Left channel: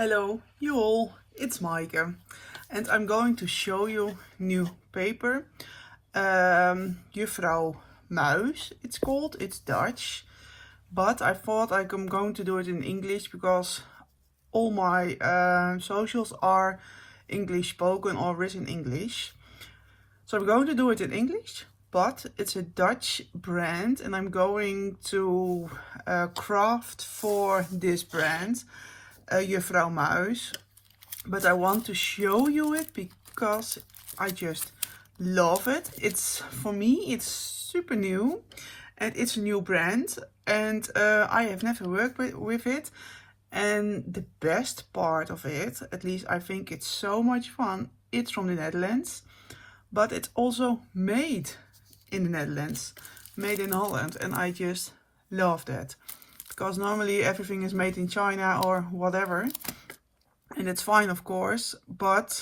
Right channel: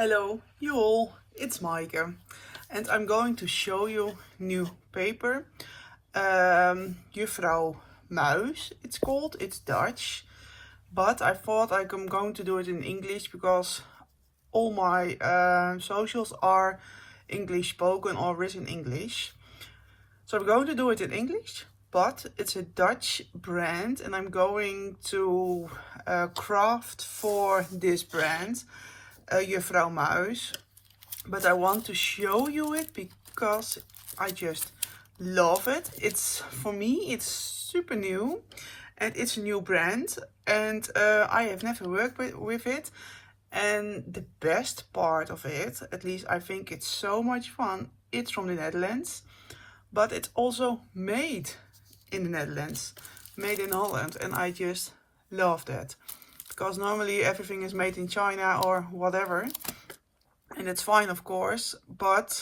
Hello, you all, it's Maaike, and I'm going to show you new paper. Juffrouw Muis, it's called, it's Dutch, but I thought I'm going to do it in English because all my socials are English spoken or written English. So I'm going to do it in English, but it's a Dutch brand and I'm going to craft for this brand. Juffrouw Muis, but I want to show you it because I just love it. It's, for me, it's super new and it's a new brand and I have never worked with it, and the best part of it, at least I think it's so much fun, it's from the Netherlands, but it's also made in the Netherlands, made in Holland, and I just love that. Because normally everything is made in China or whatever, and it's fine of course, but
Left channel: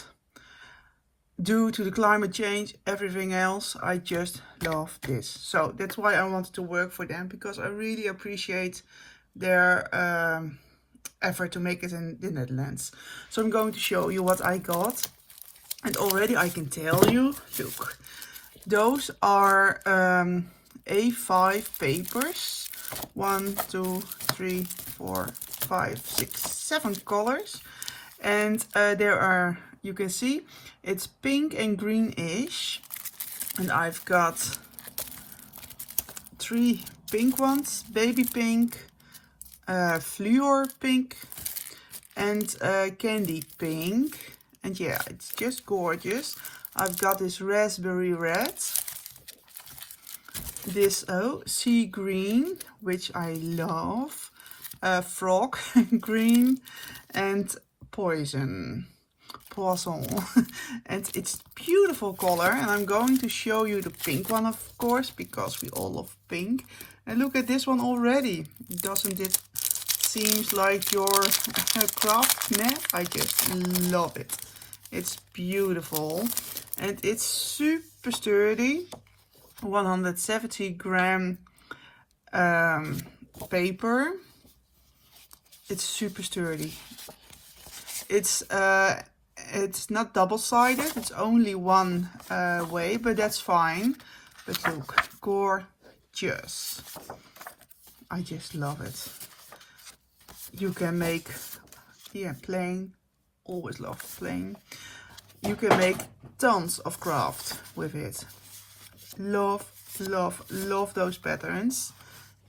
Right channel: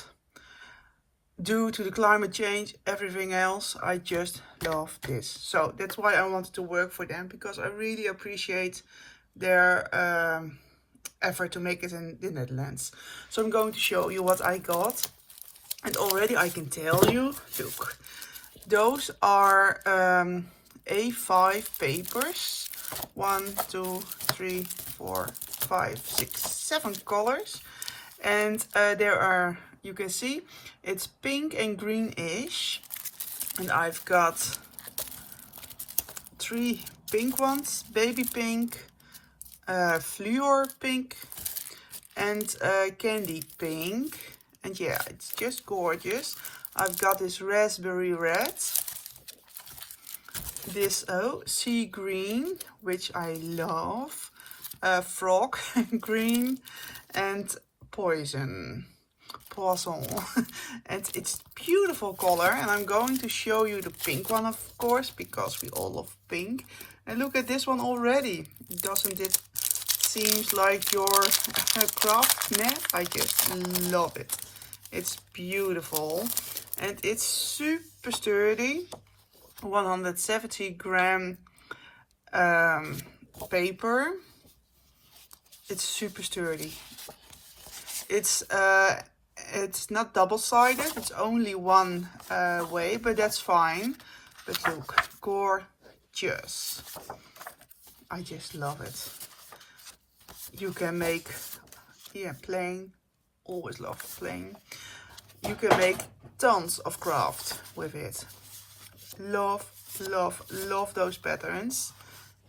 due to the climate change, everything else, I just love this. So that's why I wanted to work for them, because I really appreciate their effort to make it in the Netherlands. So I'm going to show you what I got, and already I can tell you, look, those are A5 papers. 1, 2, 3, 4, 5, 6, 7 colors, and there are, you can see it's pink and greenish, and I've got 3 pink ones, baby pink, fluor pink, and candy pink, and yeah, it's just gorgeous. I've got this raspberry red, this sea green, which I love, frog green, and poison, and it's beautiful color. And I'm going to show you the pink one, of course, because we all love pink. And look at this one already. Doesn't it seems like your craft mat? I just love it. It's beautiful and it's super sturdy. 170 gram paper. It's super sturdy. It's not double-sided, it's only one way, but that's fine. But look, gorgeous. I just love it. You can make, yeah, plain, always love plain. You can make tons of craft with it. Love, love, love those patterns.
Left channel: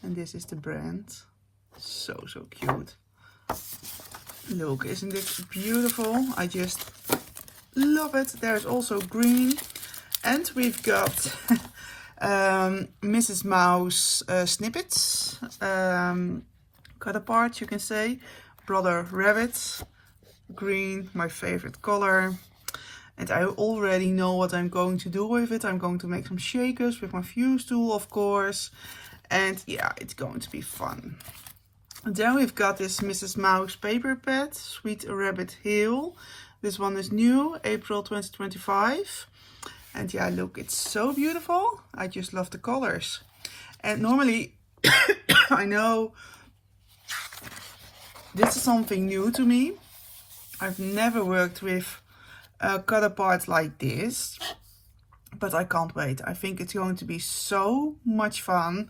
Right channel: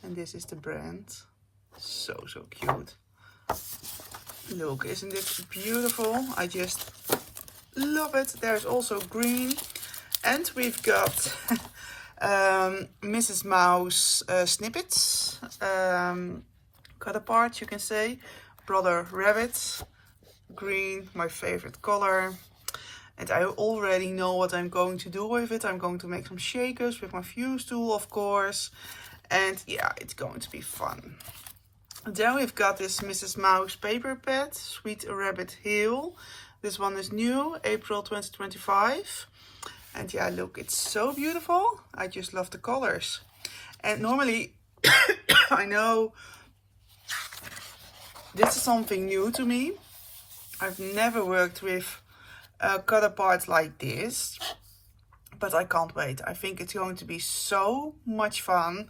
And this is the brand. So cute. Look, isn't it beautiful? I just love it. There's also green. And we've got Mrs. Mouse snippets. Cut apart, you can say. Brother Rabbit. Green, my favorite color. And I already know what I'm going to do with it. I'm going to make some shakers with my fuse tool, of course. And yeah, it's going to be fun. And then we've got this Mrs. Mouse paper pad, Sweet Rabbit Hill. This one is new, April 2025. And yeah, look, it's so beautiful. I just love the colors. And normally, I know this is something new to me. I've never worked with cut apart like this, but I can't wait. I think it's going to be so much fun.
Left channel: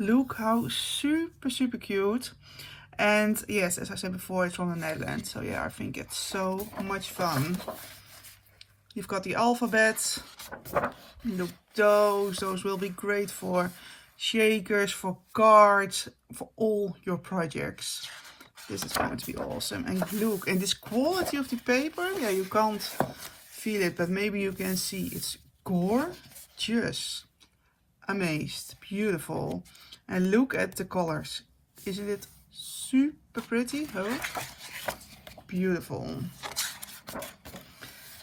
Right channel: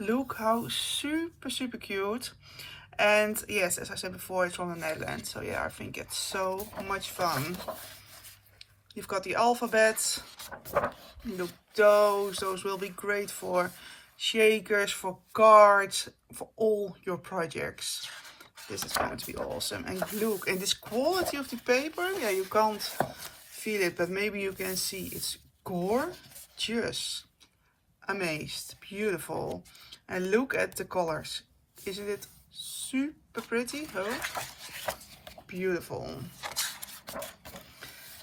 Look how super cute. And yes, as I said before, it's from the Netherlands, so yeah, I think it's so much fun. You've got the alphabets. Look, those will be great for shakers, for cards, for all your projects. This is going to be awesome. And look, and this quality of the paper, yeah, you can't feel it, but maybe you can see it's gorgeous. Amazed, beautiful. And look at the colors. Isn't it super pretty? Oh, beautiful.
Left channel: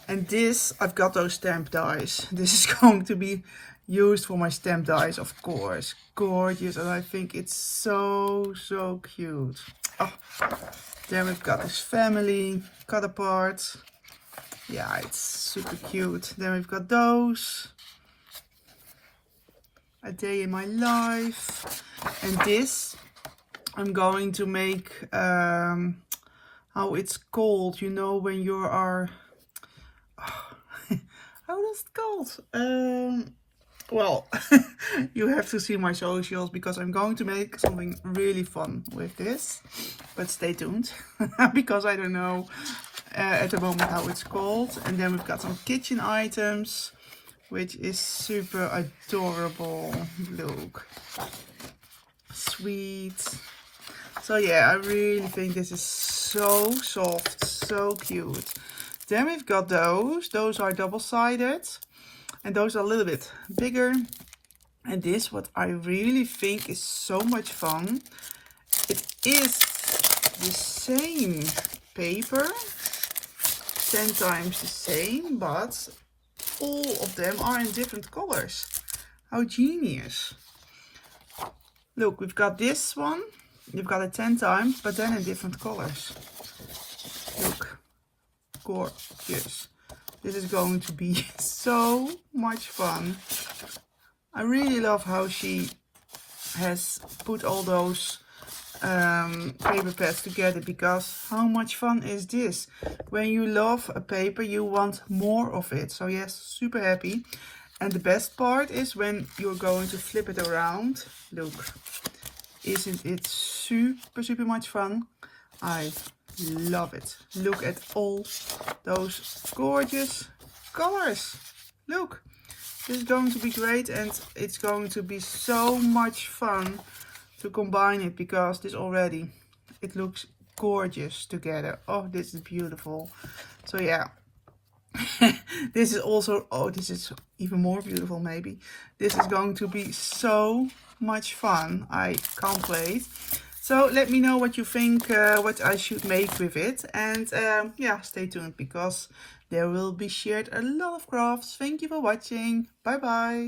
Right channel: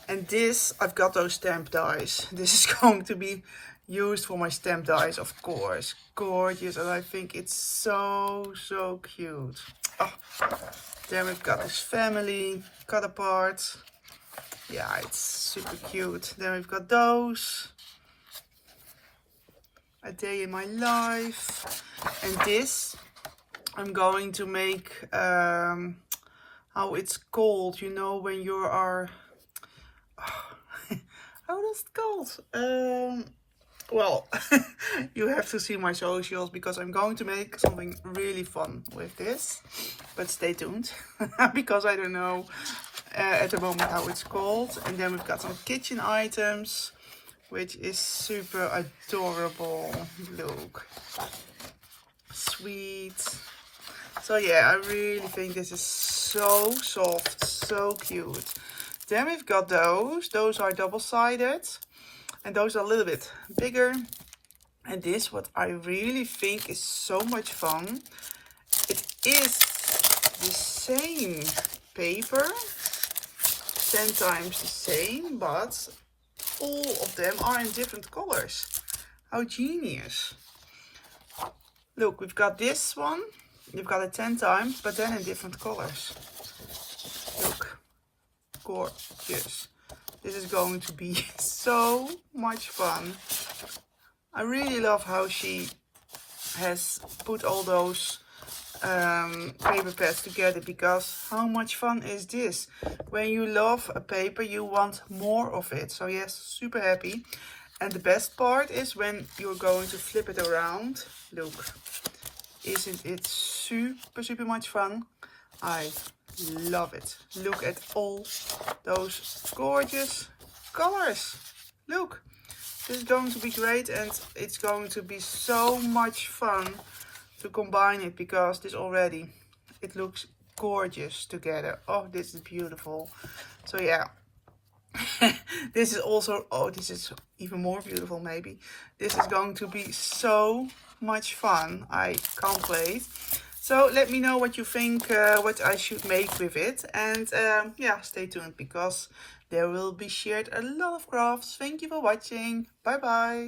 And this, I've got those stamp dies. This is going to be used for my stamp dies, of course. Gorgeous, and I think it's so cute. Oh, there we've got this family cut apart. Yeah, it's super cute. Then we've got those. A day in my life. And this I'm going to make, how how it's called, you know, when you are how is it called? Well, you have to see my socials because I'm going to make something really fun with this, but stay tuned because I don't know at the moment how it's called. And then we've got some kitchen items, which is super adorable. Look, sweet. So yeah, I really think this is so soft, so cute. Then we've got those are double-sided, and those are a little bit bigger. And this, what I really think is so much fun, it is the same paper, 10 times the same, but all of them are in different colors. How genius. Look, we've got this one, you've got it 10 times, but then in different colors. Look, gorgeous. This is going to be so much fun. I really love how she has put all those paper pads together, because how much fun is this? When you love a paper, you want more of it. So yes, super happy. And the best part is when you're going to flip it around. Look, isn't it super much fun? I love it. Look at all those gorgeous colors. Look, this is going to be great, and it's going to be so much fun to combine it, because this already, it looks gorgeous together. Oh, this is beautiful. So yeah, this is also, oh, this is even more beautiful maybe. This is going to be so much fun. I can't wait. So let me know what you think, what I should make with it. And yeah, stay tuned, because there will be shared a lot of crafts. Thank you for watching. Bye bye.